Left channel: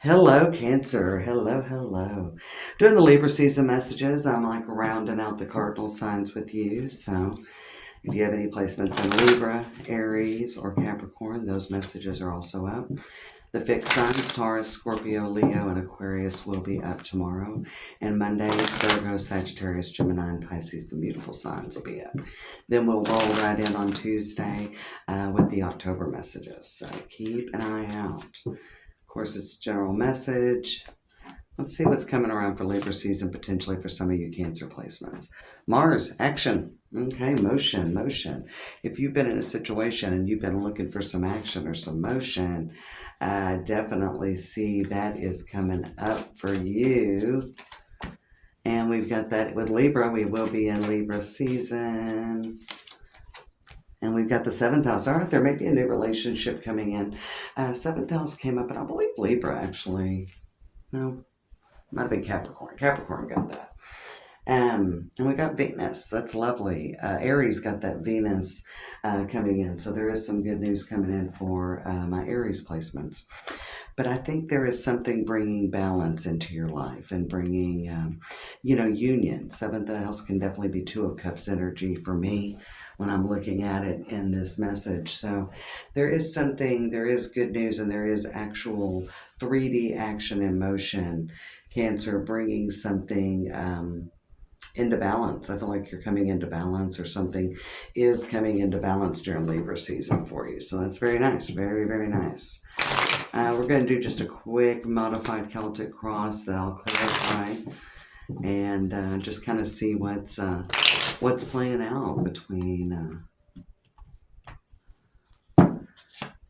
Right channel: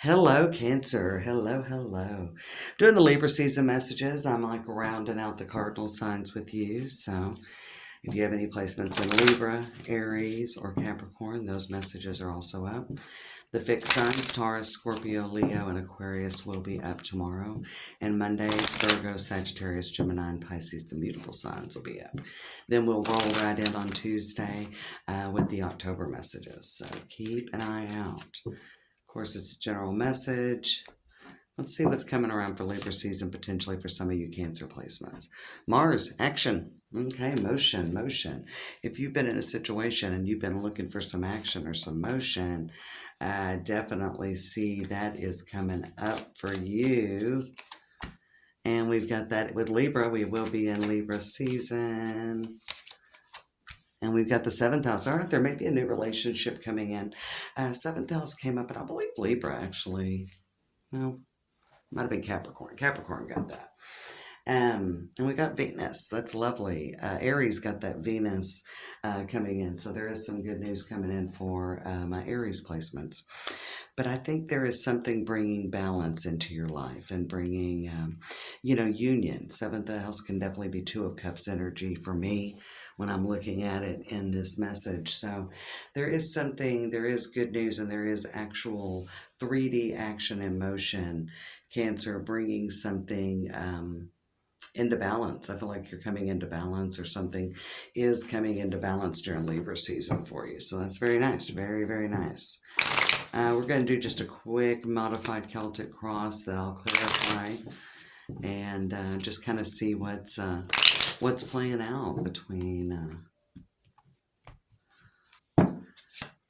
Hello, Cancer. Hello, hello. Doing the Libra season messages. I'm like rounding out the cardinal signs with you. So if you have any placements in Libra, Aries, or Capricorn, those messages are also up. The fixed signs, Taurus, Scorpio, Leo, and Aquarius will be up tomorrow. And Mondays, Virgo, Sagittarius, Gemini, and Pisces, the beautiful signs will be up. Then we'll roll right in on Tuesday with the October messages. So keep an eye out. Of course, it's a general message. Let's see what's coming around for Libra season potentially for some of you Cancer placements. Mars, action. Okay, motion, motion. If you've been in a situation and you've been looking for some action or some motion, I definitely see that is coming up for you. And we've got that with Libra. We will be in Libra season. And we've got the seventh house. All right, there may be a new relationship coming in. Seventh house came up, and I believe Libra actually. No, might have been Capricorn. Capricorn got that. And we got Venus. That's lovely. Aries got that Venus coming in. So there is some good news coming in for my Aries placements. But I think there is something bringing balance into your life and bringing, union. Seventh house can definitely be Two of Cups energy for me when I'm looking at it in this message. So there is something, there is good news, and there is actual 3D action in motion. Cancer bringing something into balance. I feel like you're coming into balance, or something is coming into balance during Libra season for you. So that's very nice. Very, very nice. We're going to do just a quick modified Celtic cross that I'll clarify and just kind of see what's playing out between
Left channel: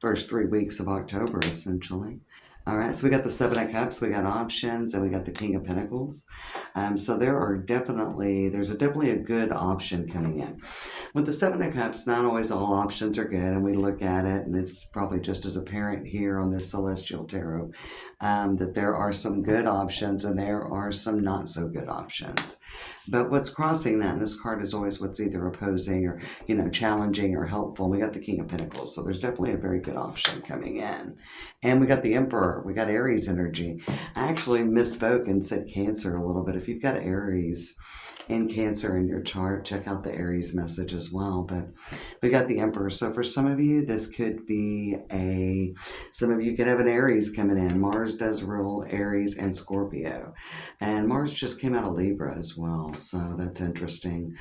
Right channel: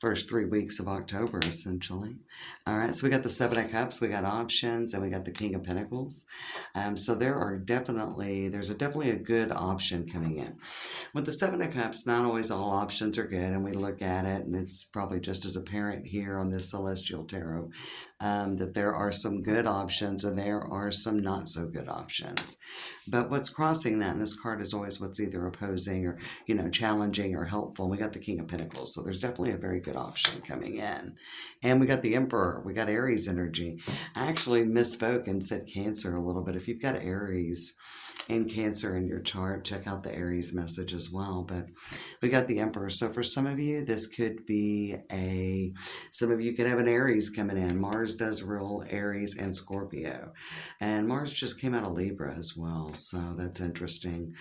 first 3 weeks of October, essentially. All right, so we got the Seven of Cups, we got options, and we got the King of Pentacles. So there's definitely a good option coming in. With the Seven of Cups, not always all options are good, and we look at it, and it's probably just as apparent here on this Celestial Tarot that there are some good options and there are some not so good options. But what's crossing that, and this card is always what's either opposing or, challenging or helpful. We got the King of Pentacles, so there's definitely a very good option coming in. And we got the Emperor. We got Aries energy. I actually misspoke and said Cancer a little bit. If you've got Aries and Cancer in your chart, check out the Aries message as well. But we got the Emperor. So for some of you, this could be some of you could have an Aries coming in. Mars does rule Aries and Scorpio. And Mars just came out of Libra as well. So that's interesting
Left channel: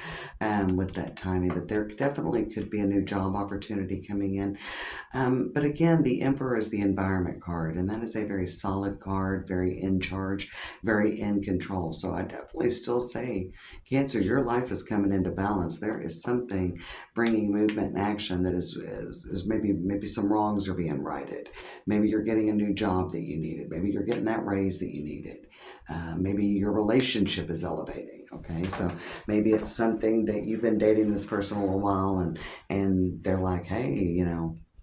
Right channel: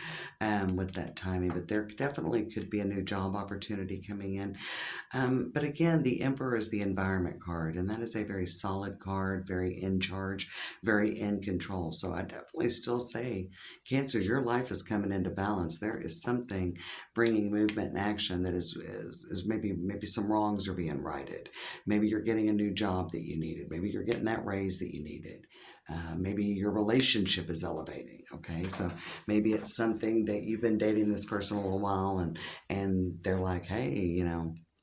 with that timing. But there definitely could be a new job opportunity coming in. But again, the Emperor is the environment card. And that is a very solid card, very in charge, very in control. So I definitely still say, Cancer, your life is coming into balance. There is something bringing movement and action that is maybe some wrongs are being righted. Maybe you're getting a new job that you needed. Maybe you're getting that raise that you needed. Maybe your relationship is elevating. Okay, so maybe it's something that you've been dating this person a little while, and they're like, hey,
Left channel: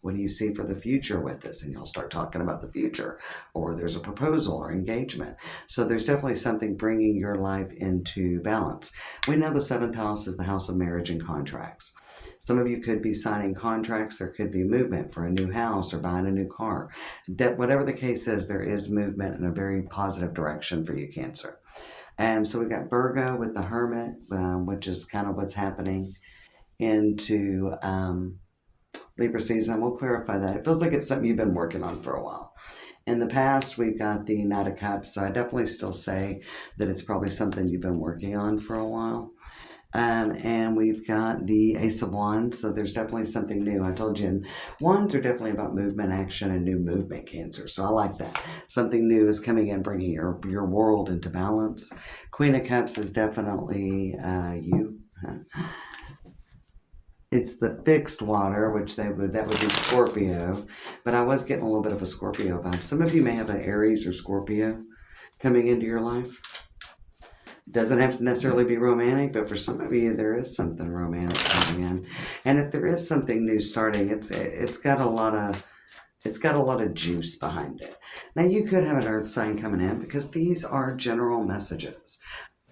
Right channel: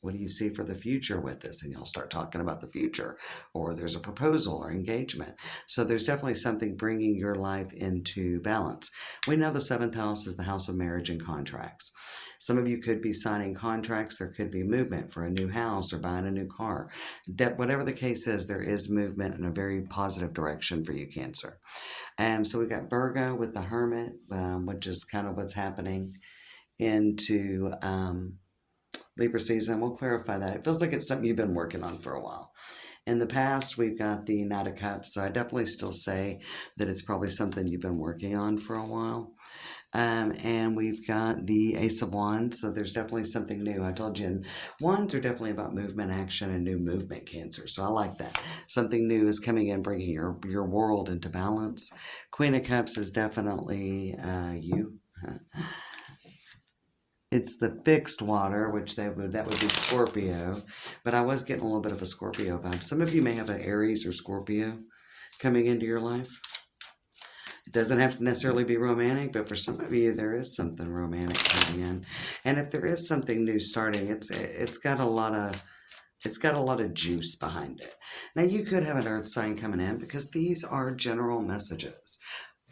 what do you see for the future with this? And you'll start talking about the future, or there's a proposal or engagement. So there's definitely something bringing your life into balance. We know the seventh house is the house of marriage and contracts. Some of you could be signing contracts. There could be movement for a new house or buying a new car. Whatever the case is, there is movement in a very positive direction for you, Cancer. So we got Virgo with the Hermit, which is kind of what's happening into Libra season. We'll clarify that. It feels like it's something you've been working on for a while. In the past, we've got the Knight of Cups, so I definitely still say that it's probably something you've been working on for a while. And we've got the Ace of Wands, so there's definitely something new. I told you, Wands are definitely about movement, action, and new movement, Cancer. So I like that. Something new is coming in, bringing your world into balance. Queen of Cups is definitely you. It's the fixed water, which that would be Scorpio, but I was getting a little bit of a Scorpio vibe. Some of you may have an Aries or Scorpio coming into your life. It doesn't have to necessarily be romantic, but for some of you, there is something romantic coming in. And if there is something new starting, it's got a lot of juice behind it. Now you could have an earth sign coming in because these are general messages.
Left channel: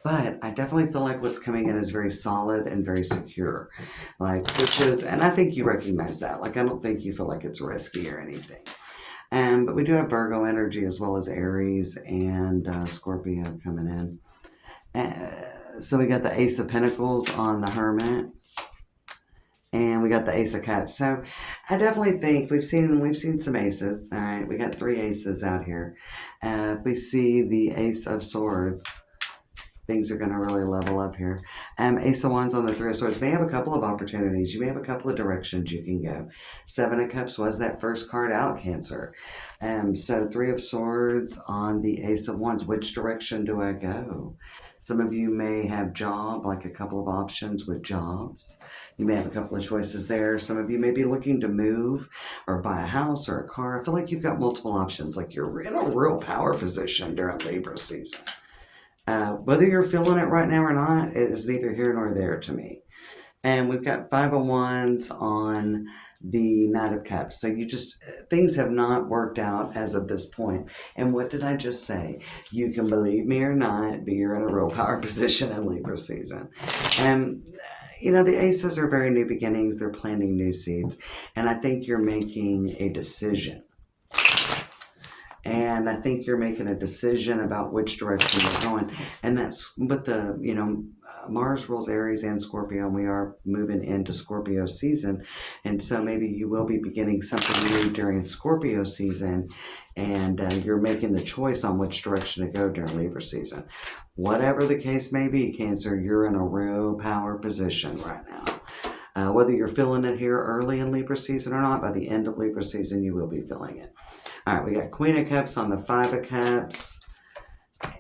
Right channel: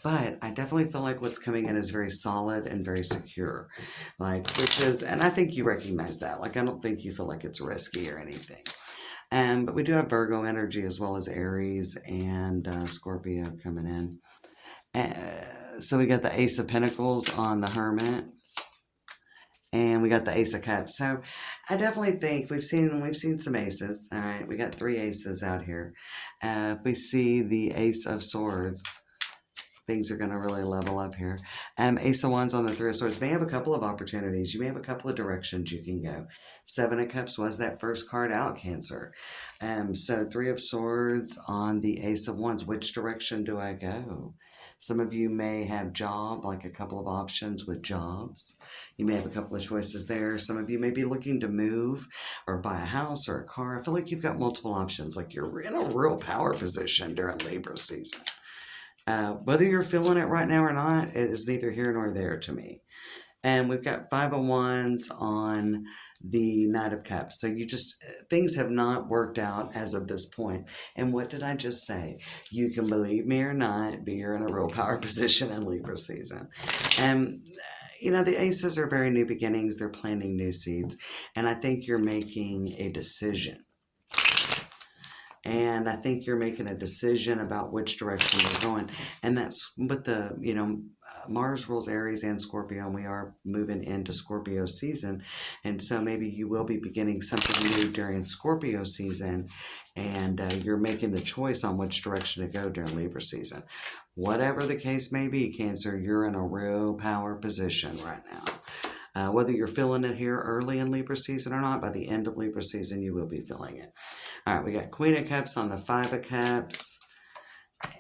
But I definitely feel like what's coming in is very solid and very secure. And I think you recognize that. I don't think you feel like it's risky or anything. But we do have Virgo energy as well as Aries and Scorpio coming in. So we got the Ace of Pentacles on the Hermit, and we got the Ace of Cups. So I definitely think we've seen some aces. All right, we got 3 aces out here. We see the Ace of Swords. Things are going to really level up here. Ace of Wands on the Three of Swords may have a couple of opportunities. You may have a couple of directions you can go. 7 of Cups was that first card out, Cancer. So 3 of Swords on the Ace of Wands. Which direction do I go? Some of you may have job, like a couple of options with jobs. You may have a couple of choices there. Some of you may be looking to move or buy a house or a car. I feel like you've got multiple options, like you're in a real power position during Libra season. Whether you're feeling it right now or not, it is neither here nor there to me. And we've got 5 of Wands on the Knight of Cups. So things have not worked out as of this point. And what did I just say? You can believe me or not, but you're in a real power position in Libra season. And the aces are very new beginnings. They're planting new seeds. And I think you're making a decision. And I think you're making a decision about which direction you're going. And that's with Mars rules Aries and Scorpio, and we are moving into Scorpio season. And so maybe you will be beginning something new during Scorpio season, and you're making the choice on which direction to go during Libra season. Whatever the case may be, Cancer, you're in a real power position right now. Whether you're feeling it here early in Libra season or not, by the end of Libra season, you will be feeling it. All right, we got Queen of Cups on the 5 of Cups,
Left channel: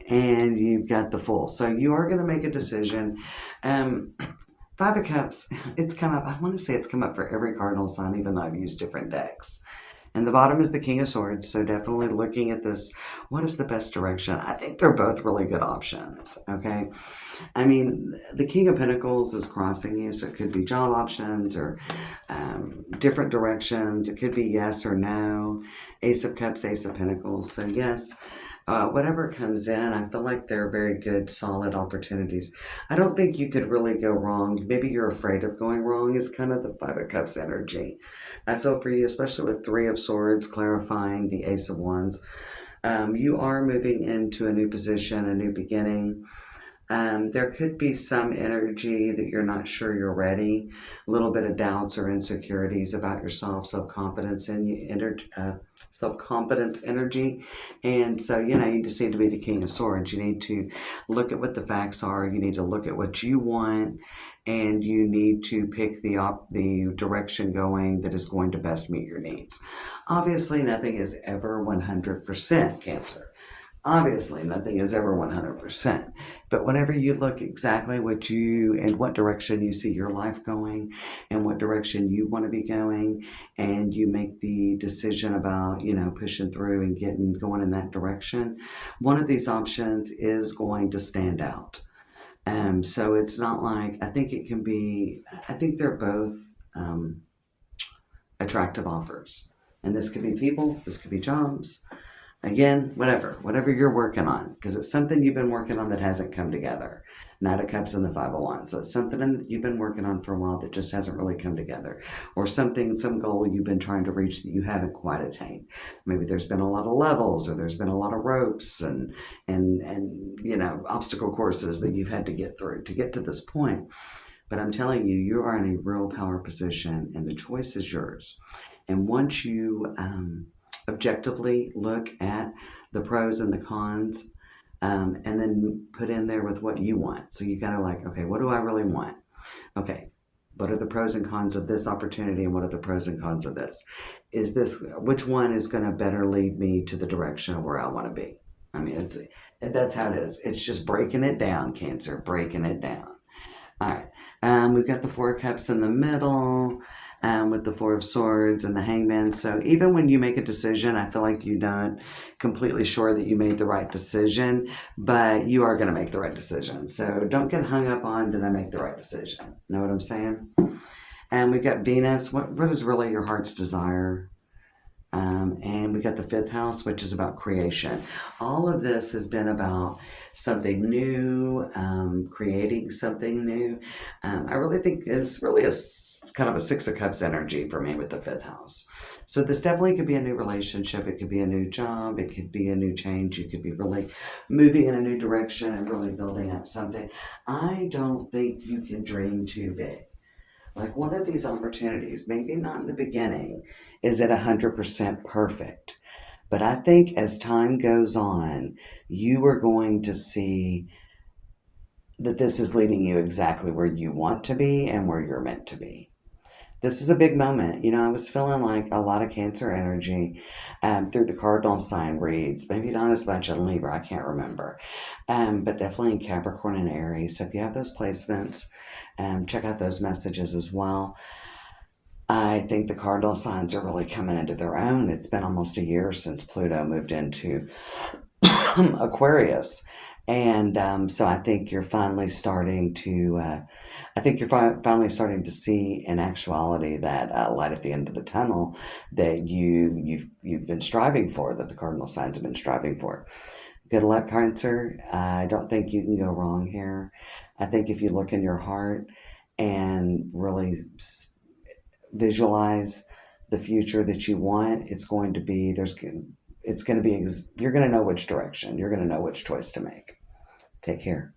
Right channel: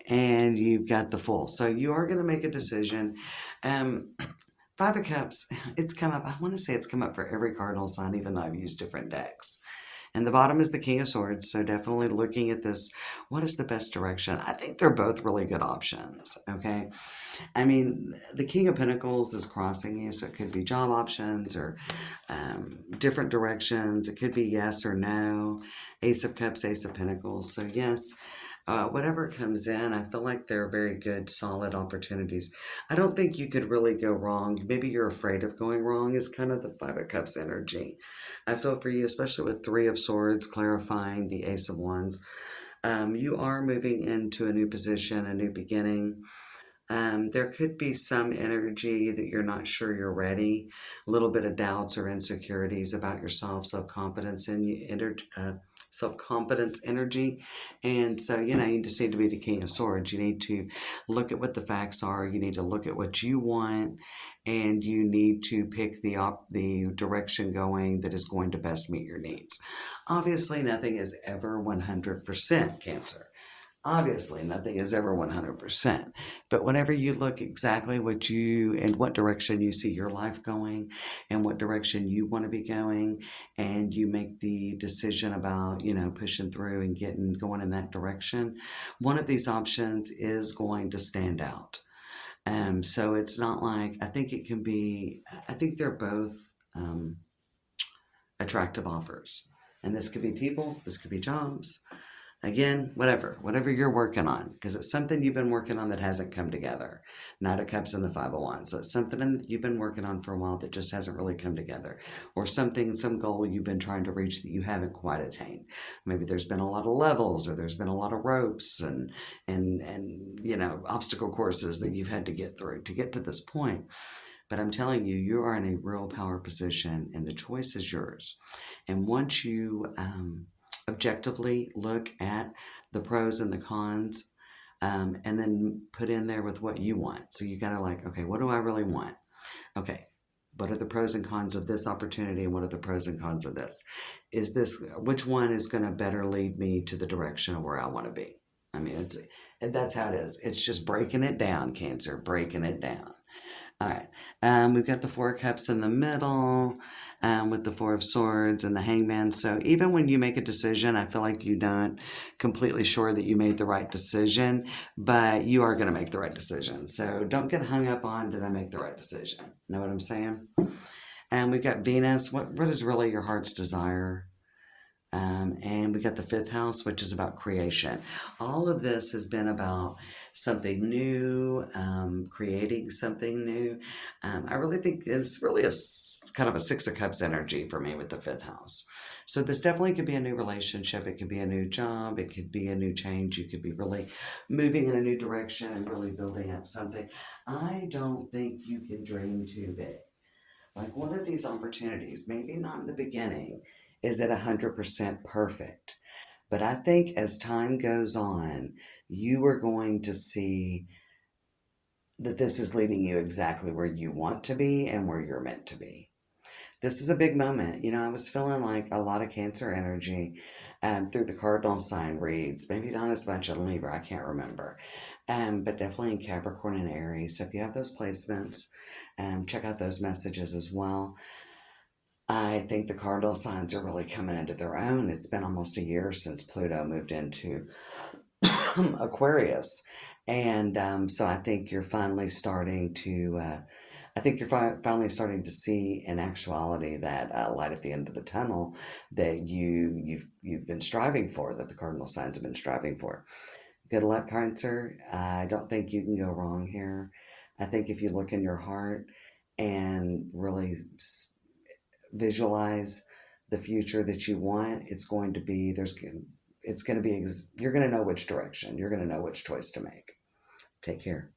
and you've got the Fool. So you are going to make a decision. 5 of Cups, it's come up. I want to say it's come up for every cardinal sign, even though I've used different decks. And the bottom is the King of Swords, so definitely looking at this, what is the best direction? I think they're both really good options, okay? I mean, the King of Pentacles is crossing you, so it could be job options or different directions. It could be yes or no. Ace of Cups, Ace of Pentacles. So yes, whatever comes in, I feel like they're very good, solid opportunities. I don't think you could really go wrong. Maybe you're afraid of going wrong is kind of the 5 of Cups energy. I feel for you, especially with 3 of Swords clarifying the Ace of Wands. You are moving into a new position, a new beginning. There could be some energy that you're not sure you're ready, a little bit of doubts or insecurities about yourself, self-confidence energy. And so, you just need to be the King of Swords. You need to look at what the facts are. You need to look at what you want, and you need to pick the direction going that is going to best meet your needs. Obviously, nothing is ever 100%, Cancer. Obviously, nothing is ever 100%. But whenever you look exactly what direction you see your life going and what direction you want to be going, and you make the decision about, pushing through and going in that direction, one of these options is going to stand out. So it's not like, I think they're both attractive offers. And this could be people, this could be jobs. Again, whatever you're working on, because it's something you've been working on that hasn't come together. Knight of Cups and the 5 of Wands. So it's something that you've been working on for a while that just hasn't really come together. Or some goal you've been trying to reach that you haven't quite attained. Maybe there's been a lot of levels, or there's been a lot of ropes and obstacle courses that you've had to get through to get to this point. But I'm telling you, you are in a real power position, and the choice is yours. And once you objectively look at the pros and the cons, and then put in there with what you want. So you gotta okay, what do I really want? Okay, what are the pros and cons of this opportunity, and what are the pros and cons of this? Which one is gonna better lead me to the direction of where I want to be? I mean, that's how it is. It's just breaking it down, Cancer, breaking it down. All right, we've got the 4 of Cups in the middle, with the 4 of Swords and the Hangman. So even when you make a decision, I feel like you're not completely sure that you made the right decision, but you are going to make the right decision. So don't get hung up on, did I make the right decision? Know what I'm saying? And we've got Venus. What is really your heart's desire? And we got the fifth house, which is about creation. All of this has been about something new, creating something new. I really think it's really kind of a Six of Cups energy for me with the fifth house. So this definitely could be a new relationship. It could be a new job. It could be a new change. You could be really moving in a new direction and really building up something. I don't think you can dream too big. Like one of these opportunities, maybe not in the beginning, is it 100% perfect. But I think as time goes on, you are going to see that this is leading you exactly where you want to be and where you're meant to be. This is a big moment. I was feeling like a lot of Cancer energy through the cardinal sign reads. Maybe not as much in Libra, I can't remember. But definitely in Capricorn and Aries. So if you have those placements, check out those messages as well. I think the cardinal signs are really coming into their own. It's been almost a year since Pluto moved into Aquarius. And so I think you're finally starting to, finally starting to see in actuality that light at the end of the tunnel that you've been striving for, that the cardinal signs have been striving for. Good luck, Cancer. I don't think you can go wrong here. I think if you look in your heart and really visualize the future that you want, it's going to be you're going to know which direction, you're going to know which choice to make. Take care.